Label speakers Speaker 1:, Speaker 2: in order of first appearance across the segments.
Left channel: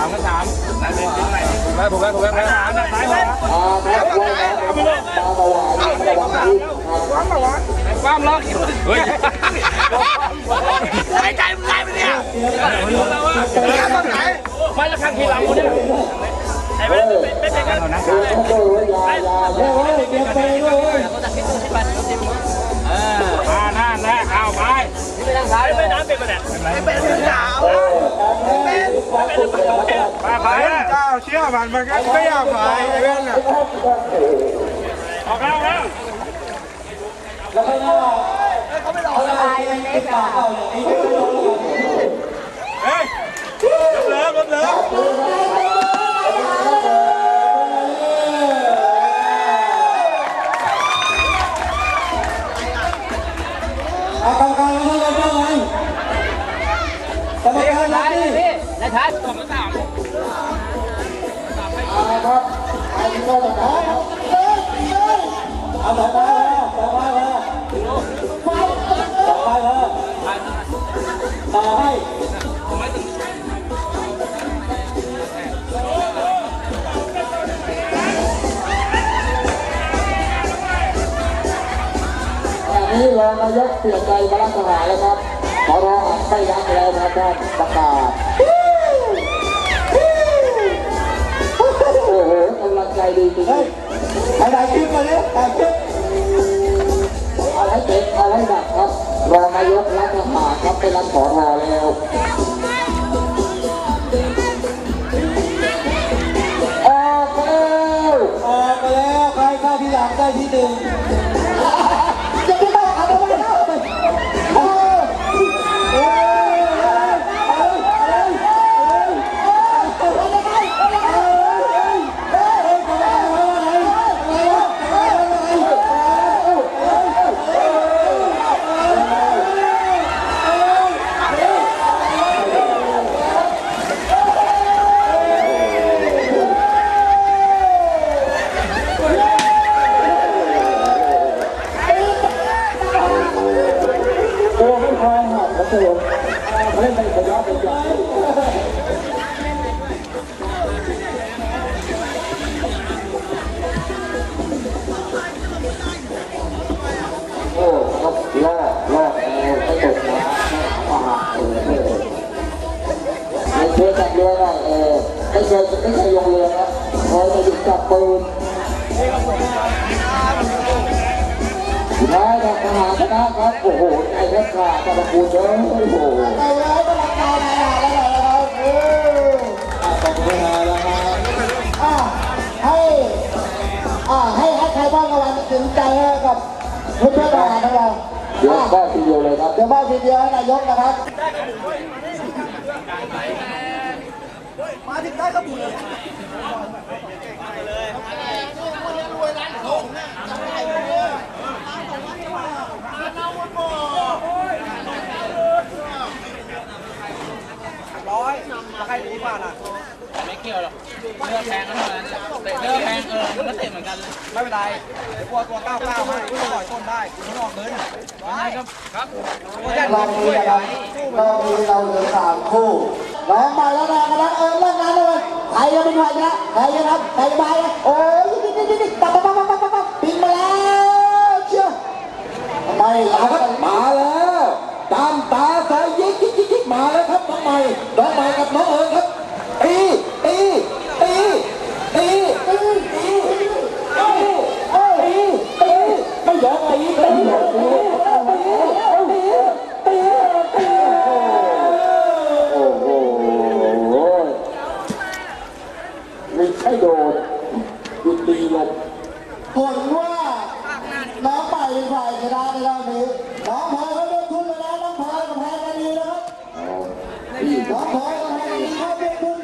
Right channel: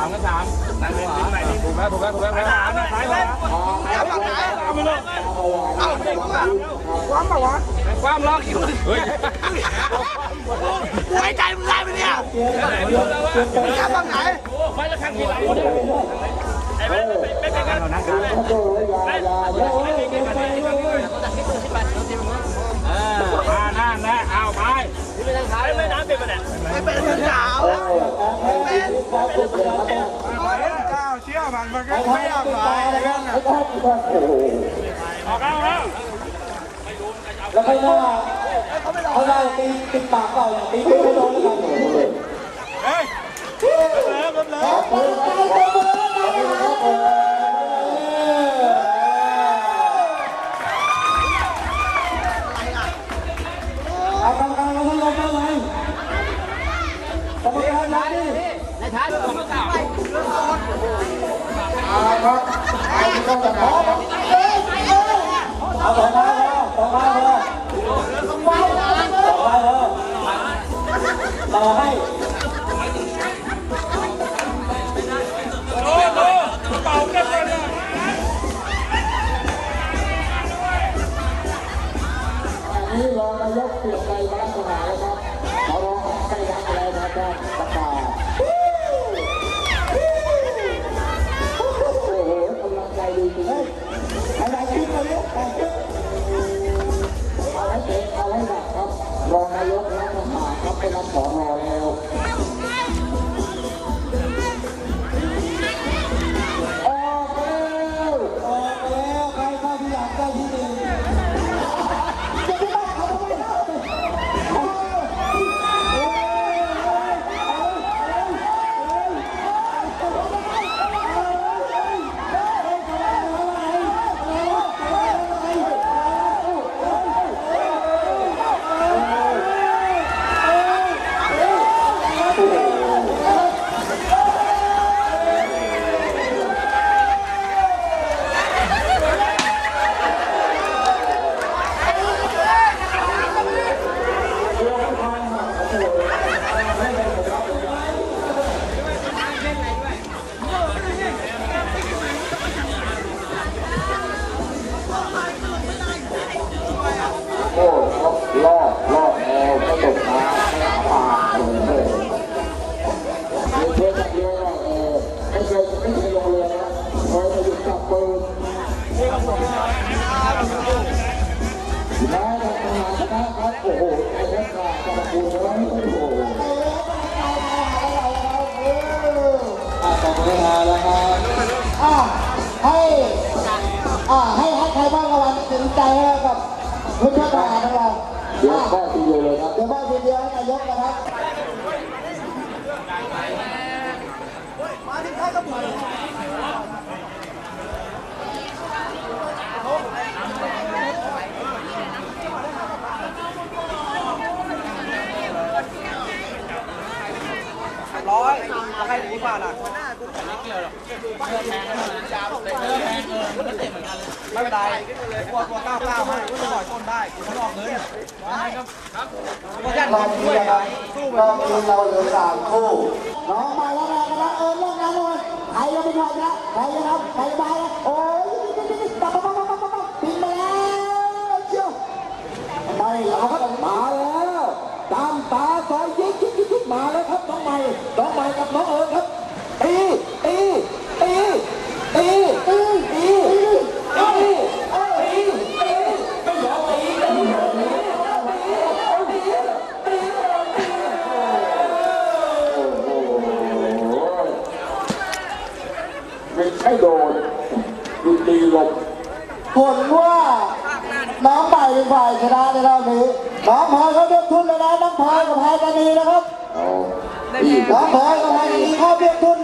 Speaker 1: ามก็สามนั่นเป็นไหนถูกแล้วถูกแล้วถูกแล้วสามนะซ้ายขวา
Speaker 2: จับฝั่งไหน
Speaker 1: เอาไปเลยเอาไปเลยของสามแล้ว
Speaker 2: ความมาวะ
Speaker 1: ความล็อกเฮ้ย
Speaker 2: กูหายใจมึงได้ไหมเนี่ยมึงจับฝั่งไหน
Speaker 1: ไม่ละข้างหัวไอ้ไม่ไม่ไม่เป็นกันเรานั่งกันไม่ไม่เป็นกันเลยมาหน้าแน่เอาไปไม่ทางซ้ายไม่น้ำเป็นมาเนี่ย
Speaker 2: ไม่เป็นมือสาว ไม่เป็น
Speaker 1: ไม่เป็นเลยไปไป
Speaker 2: เจ้าเชื่อ นมันก็ไม่อยากไปเรื่องอะ
Speaker 1: ของสาม
Speaker 3: นี่รองนายกเปลี่ยนใจมาลักษณะแล้วครับขอร้องไม่รักแล้วนะท่านประกาศ ใจดีจริงๆถ่ายคลิปมาเลยถ่ายคลิปเอาให้เต็มเอาให้หนักครับรองนายกรัฐประหารครับเป็นรัฐขอรอแล้ว นายทหารนะครับโอ้โหไอ้นักข่าวกระปูเยอะโอ้โหอะตบมือฮาแล้วครับ
Speaker 4: อ่าให้อ่าให้ให้ใครบ้างรางวัลถึงใจกับคุณทหารของเรา
Speaker 3: เดี๋ยว
Speaker 4: อ่า
Speaker 3: ทีเดียวเลยครับ
Speaker 4: เดี๋ยวบ้านทีเดียวให้นายกนะครับ
Speaker 2: ร้อย ใครหนีผ่านอะ
Speaker 1: ไม่เกี่ยวหรอกเลือดแทงกันเท่านั้นเตะเลือดแทงเออมันก็เตะเหมือนกันเลย
Speaker 2: ไม่เป็นไรกลัวตัวก้าวก้าวให้กูจะปล่อยต้นได้กูทดลองเงิน
Speaker 1: ยังไงครับครับ
Speaker 2: กูยันเงินช่วยสู้มาช่วย
Speaker 4: แผลว่าน้องใหม่เป็ฝ่ายชนะในรอบนี้น้องพอยเขาเรียมทุนแล้วนะน้องพลอยกับ
Speaker 3: พายตาดีนะครับน้องพอยกับพายเขาเรียมทุน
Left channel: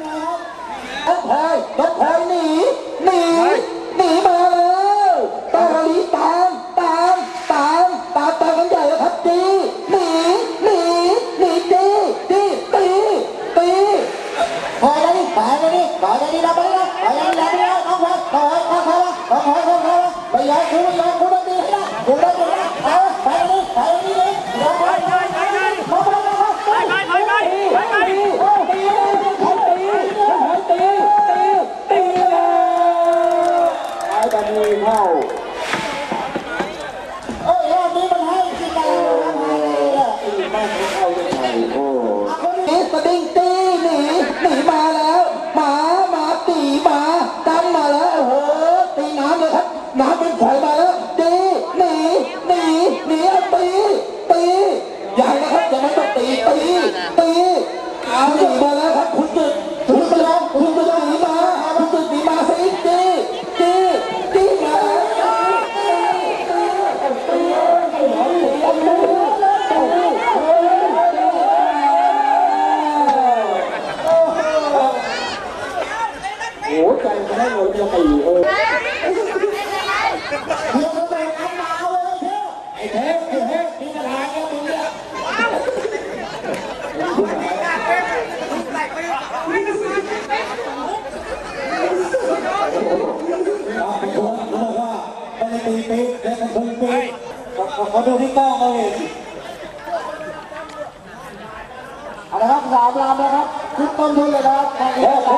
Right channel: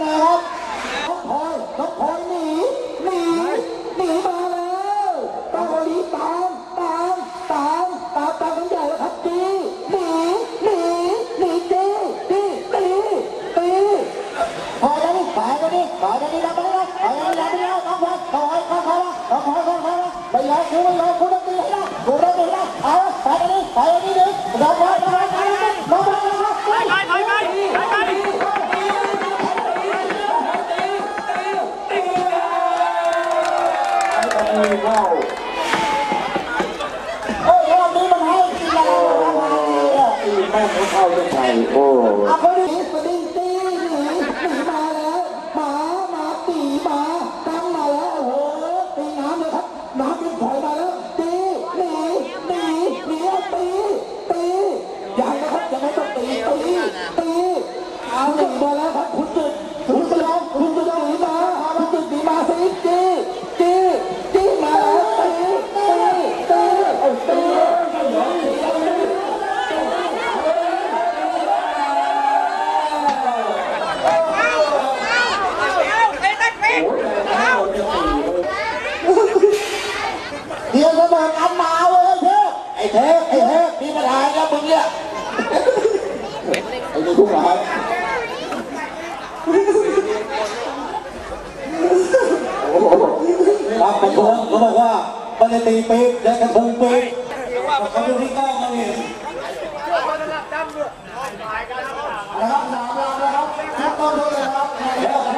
Speaker 3: เทพไอ้เทพมีปัญหาแล้วมึงเนี่ยไอ้ทุกข์หา
Speaker 4: ยรับผมก็บอกว่าไปตีปี๊แล้วก็ะพุ้งปี๊บเขาดูที่ต้องเขงเห็นนะครับสามลำนะครับทุกต้นทุนเลยนะครับ